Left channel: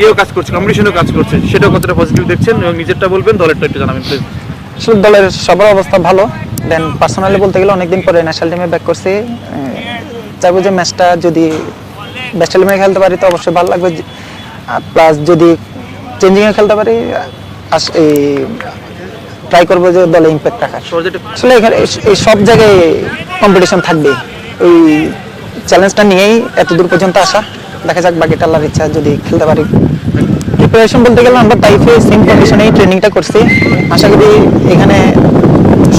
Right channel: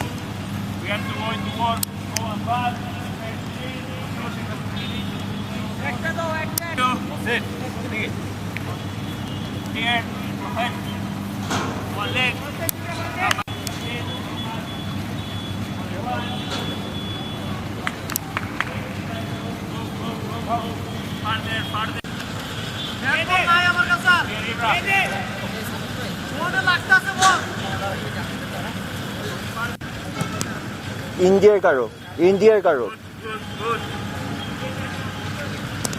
ইয়েও কাজ করছে, কম্পিটিশনও কাজ করছে, সেটাও কতটা পজিটিভ দেখছেন এবং নিজেরটা বলবেন, দলেরটা একটু জানাবেন প্লিজ। আসলে দলের সবার অবস্থা ভালো। দেন পার্সোনালি বলতে গেলে অনেকদিন পরে ন্যাশনাল টিমে ব্যাক করছি। চাইবো যে ম্যাচটা যদি বেস্ট টিমে খেলতে পারি তো অবশ্যই ভালো লাগবে, প্লাস যদি চেঞ্জিংয়ে খেলতে পারি এই ট্রাই করবো যে দলে ইম্প্যাক্ট রাখার। আসলে এখানে এই সব জায়গায় কম্পিটিশন থাকবে, এই চ্যালেঞ্জটা নিয়েই এত দূর পর্যন্ত আসা। দেখা যাক বাকিটা আল্লাহর ইচ্ছা, যদি খেলতে পারি। প্রিপারেশন বলতে গেলে আমরা টাইফে সেম কন্ডিশনেই ট্রেনিংটা করছি। আশা করি এখানে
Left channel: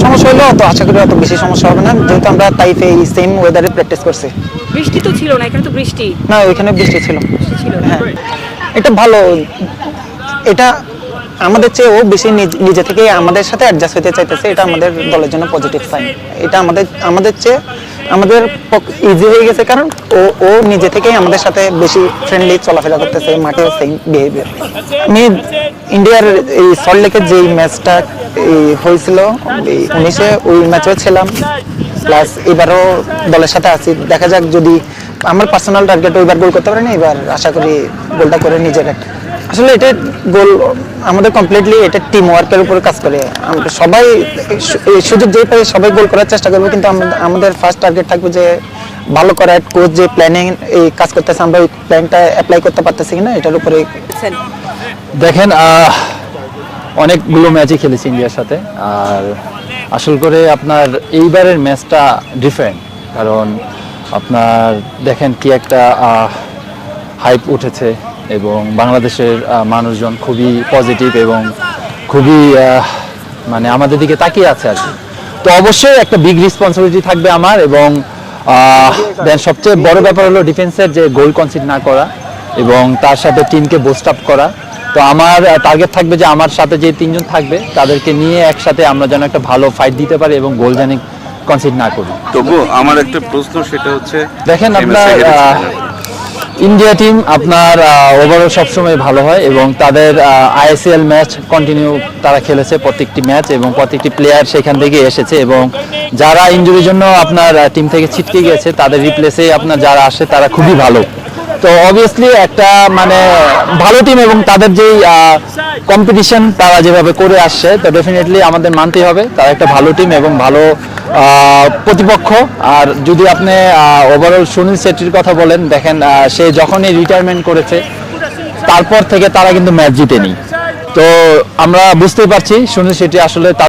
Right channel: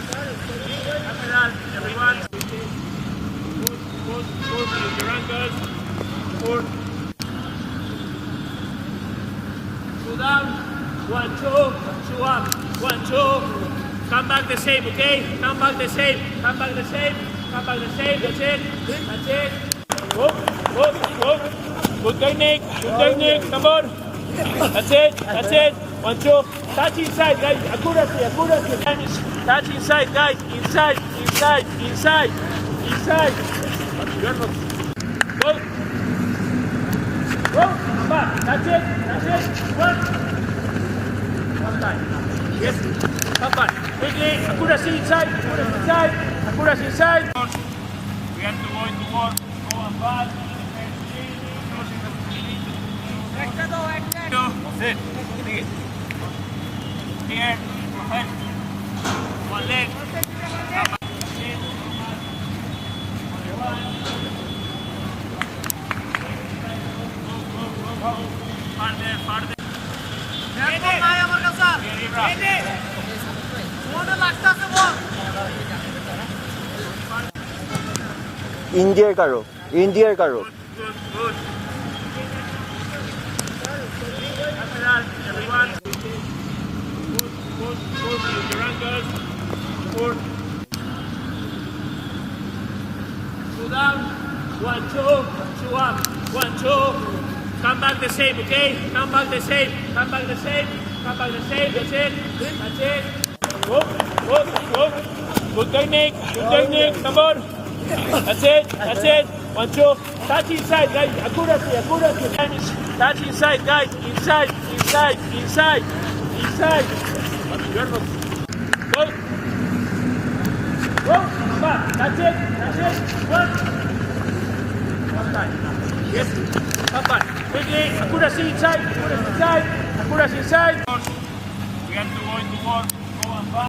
সমস্যা হলেও তো আশা করি অত বেশি সমস্যা হবে না, যেহেতু আমরা টাইফে এই সেম ওয়েদারে প্র্যাকটিস করছি। বৃষ্টি তো ছিল না, এখানে তো বৃষ্টি না, ওইখানে বৃষ্টি ছিল। ছিল। হ্যাঁ, এটা ভালো। এটা আমাদের চেয়ে ও বেশি নিজে থেকে আমাদের সাথে অ্যাডজাস্ট হতে চাইতেছে, এটা আমাদের দলের জন্য পজিটিভ সাইন। এটা আমাদের চেয়ে আমাদের ইজি হয়ে গেছে, কারণ ও নিজে থেকেই আমাদের সাথে বেশি ফ্রেন্ডলি চলাফেরা করতেছে, মাঠে সেম বিহেভিয়ার। আমি ইন্ডিয়ার এই সল্টলেকের যে ম্যাচটা হয়েছিল 19-এ, ওই ম্যাচেও ছিলাম, প্লাস এবারও দলের সাথে আছি। দেখা যাক, যদি আমার পার্সোনাল টার্গেট ওইবার গোল করতে পারি না, এবার আশা করি গোলটা করে নিজের একটা। আসলে এটা গোল আমাদের কমপ্লিটলি এটা টিম ওয়ার্কের উপরে কাজ করে। আমরা সবাই এই সুযোগ যেই পাই সবাই গোল করার চেষ্টা করবো, কিন্তু আমাদের ফার্স্ট টার্গেট থাকবে যে ভালো করার। কোচ যে প্ল্যানিং এই কাজ করতেছে, আমরা ওই প্ল্যানটা অ্যাপ্লাই করতে পারতেছি কিনা এটার উপরে। দেখেন, অনেকগুলো ম্যাচই খেলেছি ইন্ডিয়ার সাথে, আর আসল করে আপনার এইবারের ম্যাচটা ডিফারেন্ট। কারণ আপনার দেখেন কি একটা হাইপ উঠেছে এবং বাংলাদেশের মানুষজন খুবই পজিটিভ এবং খুবই মানে আমাদের দিকে তাকিয়ে আছে আর কি। তো অবশ্যই একটা বিগ রেসপন্সিবিলিটি থাকবে আমার, এবং সবচেয়ে বড় ব্যাপার হলো ডিফেন্সের যে গোল কনসিড না করা এবং তার সাথে টিমকে বুস্ট আপ করা। তো আমার টার্গেট থাকবে যে আমার সাথে যে তিনজন থাকবে তাদেরকে নিয়ে একসাথে আমরা যেন একটা ভালো ফাইট দিতে পারি এবং গোল যেন কনসিড না করি। তবু আমার একটা প্রশ্ন, সেটা হচ্ছে দেখেন আপনার ইন্ডিয়া টিম আপনার ওভারঅল সবসময় ভালো হয় এবং তাদের আইএসএল ম্যাচ কন্টিনিউ তারা খেলেছে, প্রত্যেকটি ম্যাচ, এবং প্রত্যেকটি প্লেয়ার সেখান থেকে এসেছে, এবং যারা ইনজুরির জন্য আপনার টিম থেকে ছিটকে গেছে তাদের রিপ্লেসে আপনার যারা আসে তারা খুবই ভালো। তো অবভিয়াসলি একটা মানে ভালো টিম, এবং তাদের যে কম্পিটিশন তারা যেভাবে করে আসছে, তো ডেফিনেটলি আমাদের মানতেই হবে তারা একটা ভালো টিম এবং ভালো প্রতিপক্ষ। আর যদি আপনি ওভারঅল সুনীল শেট্টির কথা বলেন, দেখেন সে যখনই রিটায়ারমেন্ট করেছে তারপর থেকে তারা কিন্তু ম্যাচ জিতেনি। তো আমরা বুঝতেই পারছি সুনীল শেট্টি আসলে